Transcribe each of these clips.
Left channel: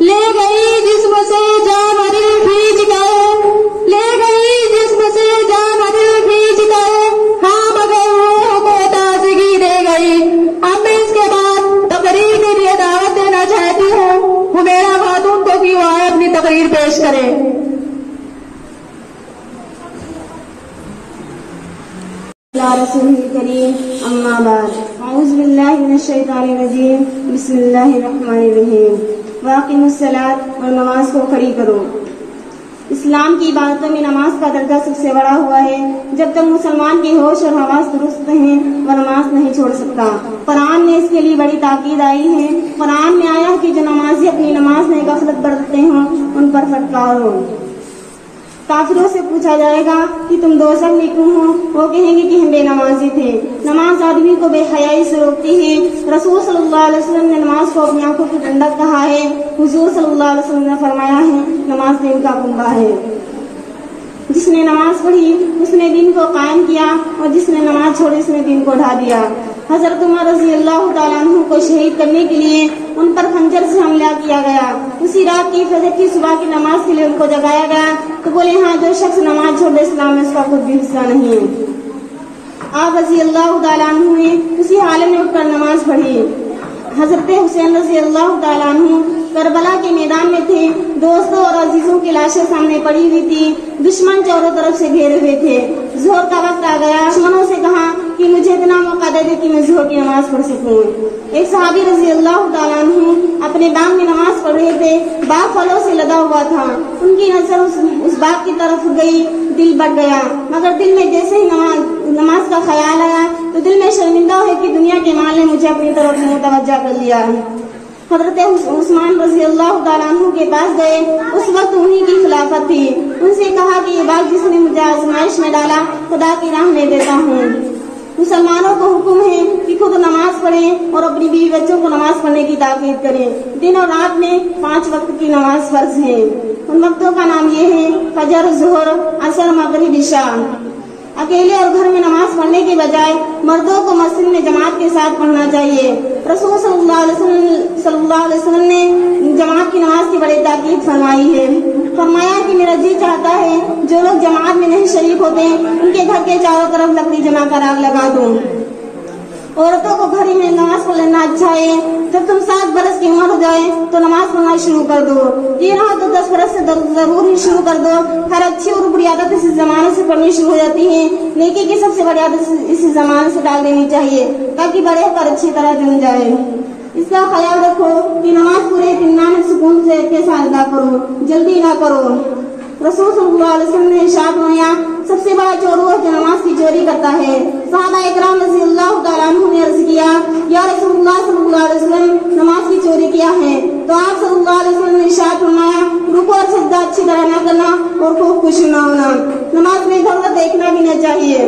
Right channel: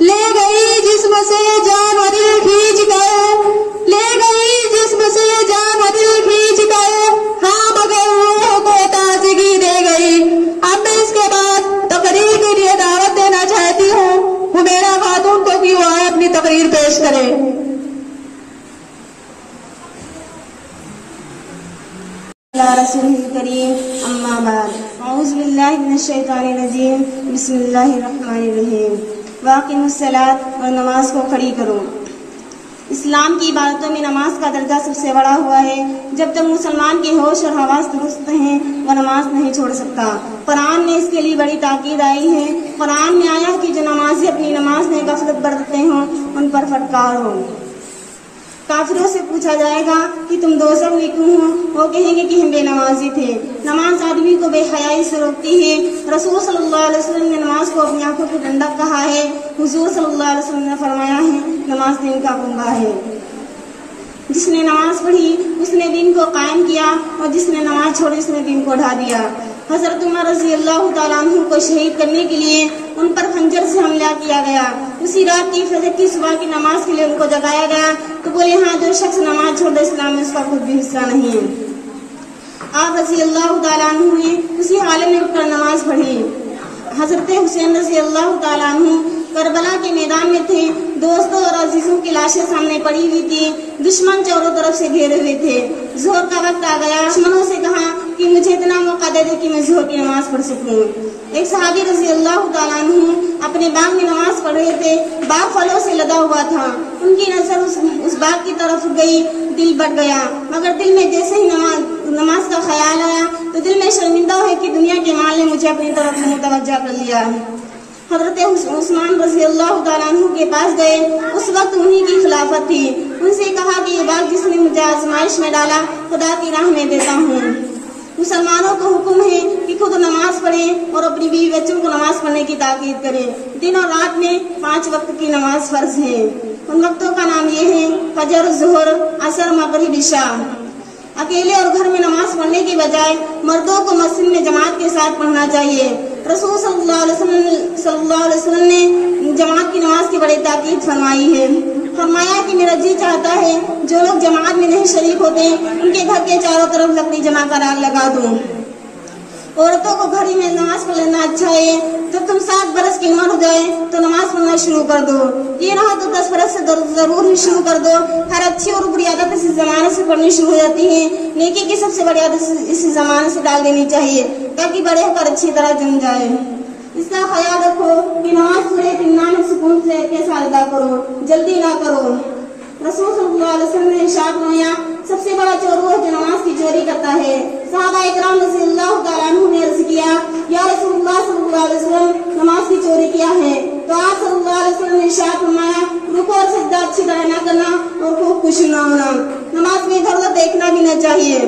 لے گئی جسم سے جان و دل کھینچ کر، لے گئی جسم سے جان و دل کھینچ کر، ہاں مگر روح کو تازگی دے گئی۔ اب میں اس کے بعد تقریر کے لیے دعوت دینا چاہتی ہوں، میرا خاتون کو کہ وہ آئے اپنی تقریر پیش کرے۔ رسول کریم اما بعد، اعوذ باللہ من الشیطان الرجیم، بسم اللہ الرحمن الرحیم۔ واقم الصلاۃ، اور نماز کو کھڑی کرو۔ اسلام کی عبادتوں میں نماز کا درجہ سب سے بڑا ہوا ہے۔ جب تک مسلمان کی ہوش اور حواس درست ہیں وہ نماز نہیں چھوڑ سکتا۔ قرآن میں اس کے لیے بڑی تاکید آئی ہے۔ قرآن میں آیا کہ جو نمازی اپنی نماز میں غفلت برتتے ہوں ان پر پھٹکار ہو۔ کافروں سے پوچھا جائے گا کہ تم دوزخ میں کیوں ہو؟ وہ کہیں گے کہ ہم بے نمازی تھے۔ نماز آدمی کو بے حیائی سے روکتی ہے۔ رسول صلی اللہ علیہ وسلم نے نماز کو اپنی آنکھوں کی ٹھنڈک کہا ہے۔ حضور صلی اللہ علیہ وسلم نے فرمایا ہے نماز دین کا کنبہ ہے۔ جس نے نماز پڑھی اس نے دین کو قائم کیا، اور جس نے نماز چھوڑی اس نے دین کو ڈھا دیا۔ حضرت عمر رضی اللہ تعالیٰ عنہ کو شہید کرنے کے لیے ان پر خنجر سے حملہ کیا گیا۔ اسی رات کی فجر کی صبح کی نماز کے لیے ان کو جگایا گیا تو بولے ہاں جو شخص نماز چھوڑ دے اسلام میں اس کا خود بھی حصہ نہیں ہے۔ آپ رضی اللہ تعالیٰ عنہ نے اسی حالت میں اٹھ کر نماز پڑھی۔ حضرت حسین رضی اللہ تعالیٰ عنہ کربلا کے میدان میں تھے۔ دوستوں اور عزیزوں کی لاشیں سامنے پڑی ہوئی تھی۔ دشمن چاروں طرف سے گھیرے ہوئے تھے۔ ظہر کا وقت آ گیا۔ دشمنوں سے کہا کہ مجھے اتنا موقع دے دے کہ میں ظہر کی نماز پڑھ سکوں۔ ایک صحابی رضی اللہ تعالیٰ عنہ اپنے باغ میں نماز پڑھ رہے تھے۔ باغ پھلوں سے لدا ہوا تھا۔ ان کی نظر اس باغ کی طرف گئی، دل بڑھ گیا، مگر دل میں جیسے ہی نماز کا خیال آیا تو دل میں شرمندہ ہوئے کہ دنیا کے مال نے مجھے اپنی طرف متوجہ کر لیا ہے۔ حضرت عثمان رضی اللہ تعالیٰ عنہ کے پاس گئے۔ اس وقت انہی کی خلافت تھی۔ ان سے کہا کہ یہ باغ جس نے مجھے آزمائش میں ڈالا خدا کی راہ میں دیتا ہوں۔ مسلمانوں کو حکم ہے کہ خود نماز پڑھیں اور اپنی بیوی بچوں کو نماز پڑھنے کی تاکید کریں۔ دن اور رات میں 5 وقت کی نماز فرض ہے۔ ان وقتوں کا نام یہ ہے فجر، ظہر، عصر، مغرب، عشاء۔ اکیلے اور گھر میں نماز پڑھنے کے بجائے مردوں کو مسجد میں جماعت کے ساتھ پڑھنا چاہیے۔ رسول صلی اللہ علیہ وسلم نے جماعت کی نماز کی بڑی تاکید فرمائی ہے۔ فرمایا کہ میرا جی چاہتا ہے جو لوگ جماعت میں نہیں شریک ہوتے ان کے گھر کے چاروں طرف لکڑی جما کر آگ لگا دوں۔ عورتوں کو گھر میں نماز پڑھ لینا اچھا ہے۔ جب تم 7 برس کی عمر ہو جائے تو نماز پڑھنا شروع کر دو۔ یہ رہا تو 10 برس سے ضرور ہی شروع کر دو۔ ہر اچھی اور بری عادت اسی زمانے سے پڑھنی شروع ہو جاتی ہے۔ نیکی کی سب سے بڑی عادت اسی زمانے سے ڈال دینی چاہیے تاکہ بڑے ہو کر اچھی طرح جم جائے۔ اس کا خیال رکھو کہ نماز پورے اطمینان سکون سے کے ساتھ ادا کرو، جلدی نہ کرو۔ رسول صلی اللہ علیہ وسلم نے ارشاد فرمایا سب سے بڑا چور وہ ہے جو نماز کی چوری کرتا ہے۔ صحابہ اکرام رضی اللہ تعالیٰ عنہ نے عرض کیا یا رسول اللہ صلی اللہ علیہ وسلم نماز کی چوری کیا ہے؟ تو آپ صلی اللہ علیہ وسلم نے ارشاد فرمایا رکوع اور سجدہ اچھی طرح نہ کرنا اور خوب خوشی نہ ہونا۔ نماز میں ادھر ادھر دیکھنا بھی نہ چاہیے،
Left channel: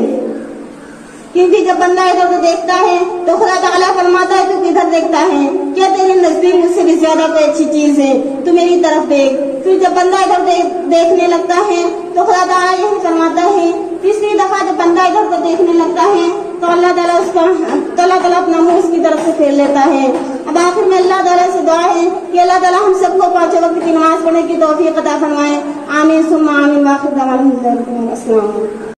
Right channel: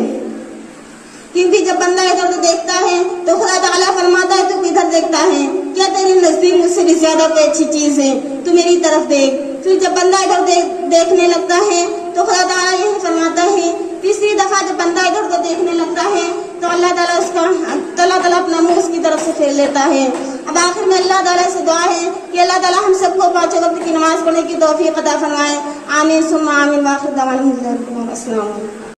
کیونکہ جب بندہ ادھر ادھر دیکھتا ہے تو خدا تعالیٰ فرماتا ہے تو کدھر دیکھتا ہے؟ کیا تیرے نزدیک مجھ سے بھی زیادہ کوئی اچھی چیز ہے؟ تو میری طرف دیکھ۔ پھر جب بندہ ادھر دیکھنے لگتا ہے تو خدا تعالیٰ یہی فرماتا ہے۔ تیسری دفعہ جب بندہ ادھر ادھر دیکھنے لگتا ہے تو اللہ تعالیٰ اپنا منہ اس کی طرف سے پھیر لیتا ہے۔ اب آخر میں اللہ تعالیٰ سے دعا ہے کہ اللہ تعالیٰ ہم سب کو 5 وقت کی نماز پڑھنے کی توفیق عطا فرمائے۔ آمین ثم آمین۔ آخر دعوانا الحمدللہ۔ السلام علیکم۔